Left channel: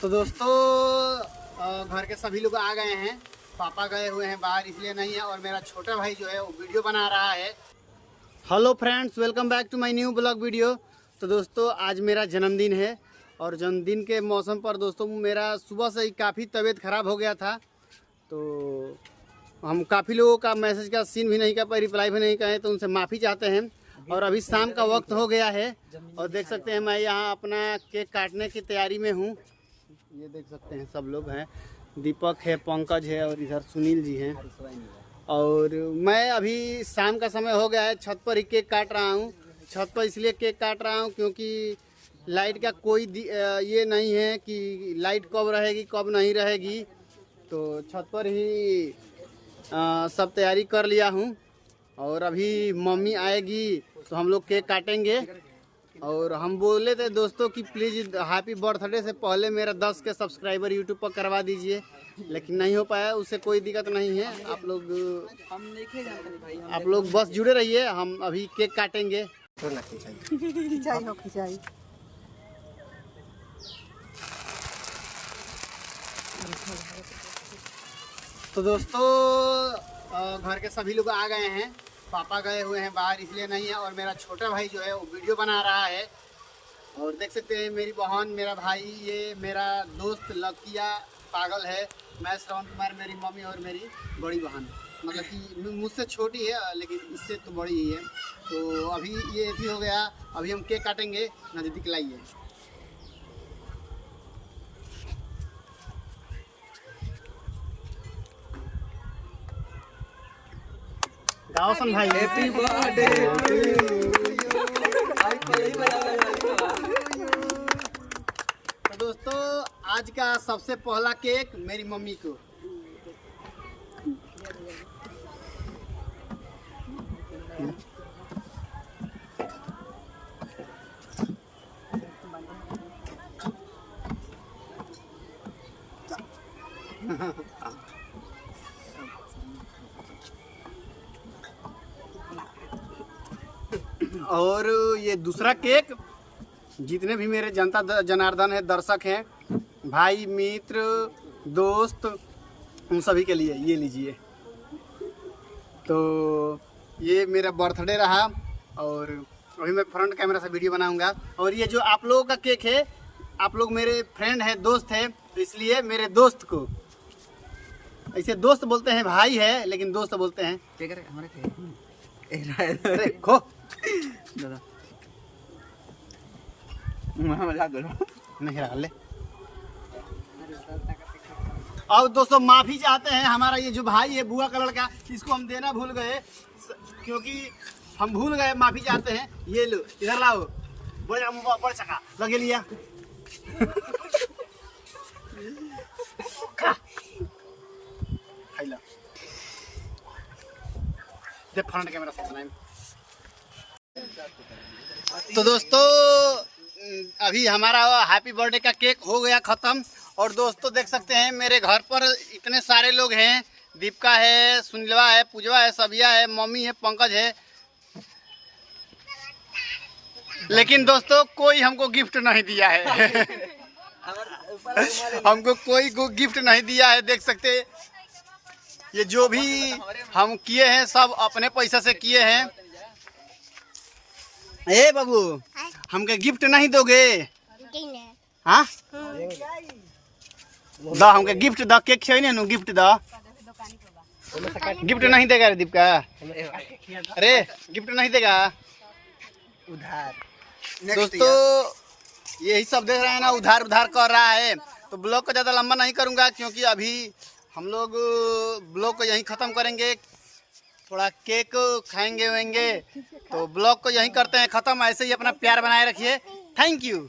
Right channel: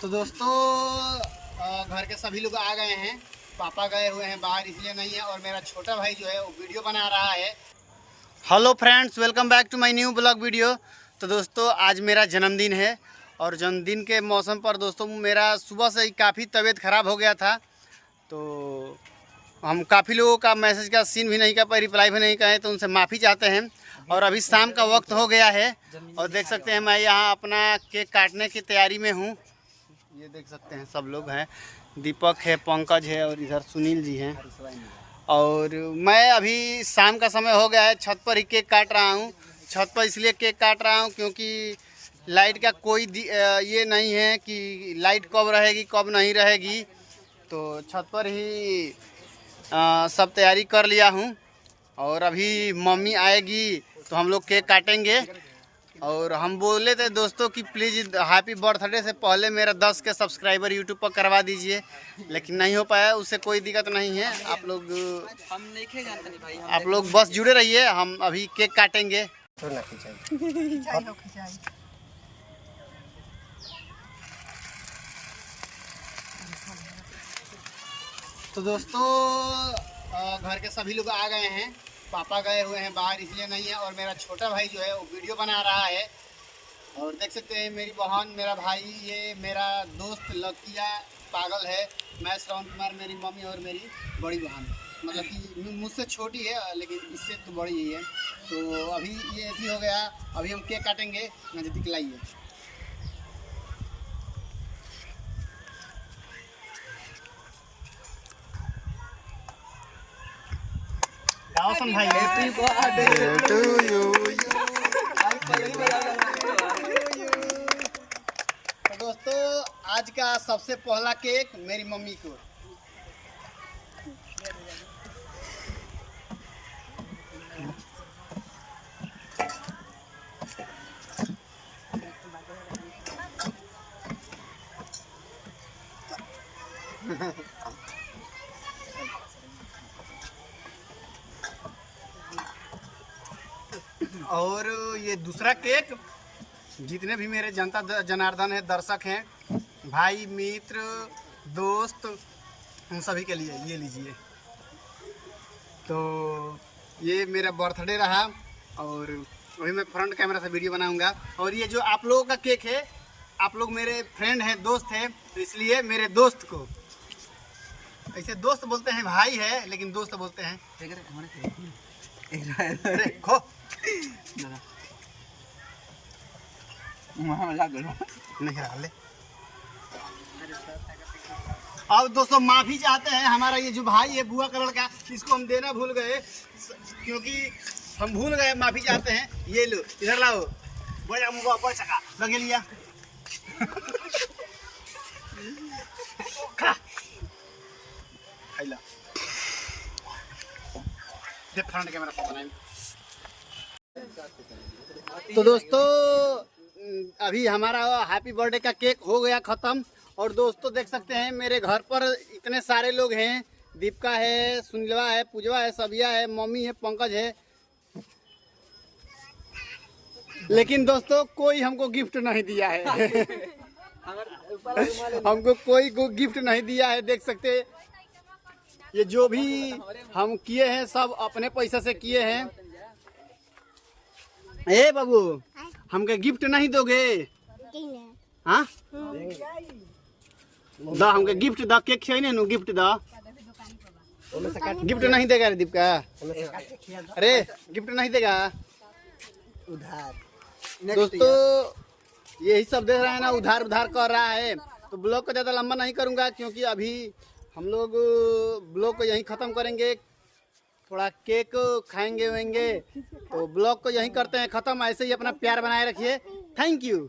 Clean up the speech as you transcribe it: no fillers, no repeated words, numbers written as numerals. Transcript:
तो दोस्तों घर के सभी लोग आ गए हैं। पापा गए हुए हैं बाहर, इसलिए नहीं है। और मेरा छोटा भाई जो है वो वीडियो बना रहा है। Hello friends, welcome back to my new blog video. तो दोस्तों आज मेरा जन्मदिन है और जन्मदिन के मौसम पर दोस्तों मेरा सुबह से ही काफ़ी तबीयत ख़राब हो गया था। तो हम काफ़ी लोगों का मैसेज का सीन भी नहीं कर पाए, रिप्लाई भी नहीं करें, तो उनसे माफ़ी चाहते हैं। और अभी शाम का वक्त हो गया है और देख सकते हैं मैं यहाँ अपना केक काटने की तैयारी में हूँ। ये देख सकते हैं सब लोग हैं, दीपक है, पंकज है और इधर सुनील जी हैं। और मैं अभी शाम का समय हो गया है, छत पर ही केक काट रहा हूँ। छत पर इसलिए केक काट रहा हूँ क्योंकि लाइट का कोई ये नहीं है कि लाइट कब रहेगी कब नहीं रहेगी। तो छत पर ही सब तैयारी कर लिया हूँ और अभी मम्मी आएगी तो हम लोग केक काटेंगे। और हम बोले थे दोस्तों कि प्लीज़ हैप्पी बर्थडे से पहले मेरा 10 के सब्सक्राइबर यूट्यूब पर करवा दीजिए, लेकिन नहीं हो पाया। उससे कोई दिक्कत नहीं है, आप लोग बस जुड़े रहिए, हम अभी केक काटेंगे। तो दोस्तों घर के सभी लोग आ गए हैं। पापा गए हुए हैं बाहर, इसलिए नहीं है। और मेरा छोटा भाई जो है वो वीडियो बना रहा है। और देख सकते हैं मेरी बहन, मेरा भाई, ये मेरा दोस्त लकिया पागल है, मैं श्रवण कुमार, मेरी मम्मी और मेरी बड़ी बहन, मतलब कि मुझसे छोटी है लेकिन इससे तो बड़ी ही है। तो अभी ये ऐसी हो गया, अभी हम केक काटेंगे, नज़दीक लाइए। दावसन भाई, हैप्पी बर्थडे टू यू। तो दोस्तों आज का सबसे पहला केक मेरी मम्मी को। और ये दूसरा केक जितने भी मेरे जनता जनार्दन है, दर्शक हैं, भाई, मित्र, दोस्त, उन सभी के लिए ये लीजिए। तो ये मेरा बर्थडे रहा और अभी मैं फ्रंट कैमरा से वीडियो बनाऊंगा। और ये जो आप लोगों का केक है, आप लोग मेरे फ्रेंड हैं, दोस्त हैं, तो इसलिए मेरे दोस्त को, ऐसे दोस्त बोलते हैं, भाई है लेकिन दोस्त बोलते हैं। अरे खो नहीं ले। अब दोस्तों माफी चाहते हैं, हमारा ये जो भाई है बुआ का लड़का, इसको हम देना भूल गए, क्योंकि हम भूल गए, माफी चाहते हैं। ये लो, इधर लाओ, बढ़िया मुँह बढ़ सका लगे लिया। फ्रंट कैमरा से बनाए। तो दोस्तों अभी हमारा हैप्पी बर्थडे का केक हो गया ख़त्म। और दोस्तों देख सकते हैं मेरे घर पर इतने सारे लोग हैं, दीपिका है, सुनीलवा है, पूजवा है, सबिया है, मम्मी है, पंकज है, लेकिन दोस्तों कोई हमको गिफ्ट नहीं दिया है। हमको कोई गिफ्ट नहीं दिया है। देख सकते ये जो भी हम किए हैं सब अपने पैसा से किए हैं। ए बाबू, हमके गिफ्ट नहीं दोगे? हाँ दा, हमके गिफ्ट दा, केक खियाई नु गिफ्ट दा। गिफ्ट नहीं देगा रे दीपिका? अरे गिफ्ट नहीं देगा उधार। दोस्तों यही सब देख रहे हैं ना, उधार उधार कर रहा है। तो ब्लॉग को ज़्यादा लंबा नहीं करूँगा क्योंकि अभी हम लोग ब्लॉग को यहीं ख़त्म करेंगे, थोड़ा केक खाएंगे वेंगे, तो ब्लॉग को यहीं करते हैं ख़त्म। ऐसे ही अपना प्यार बनाए रखिए। Thank you.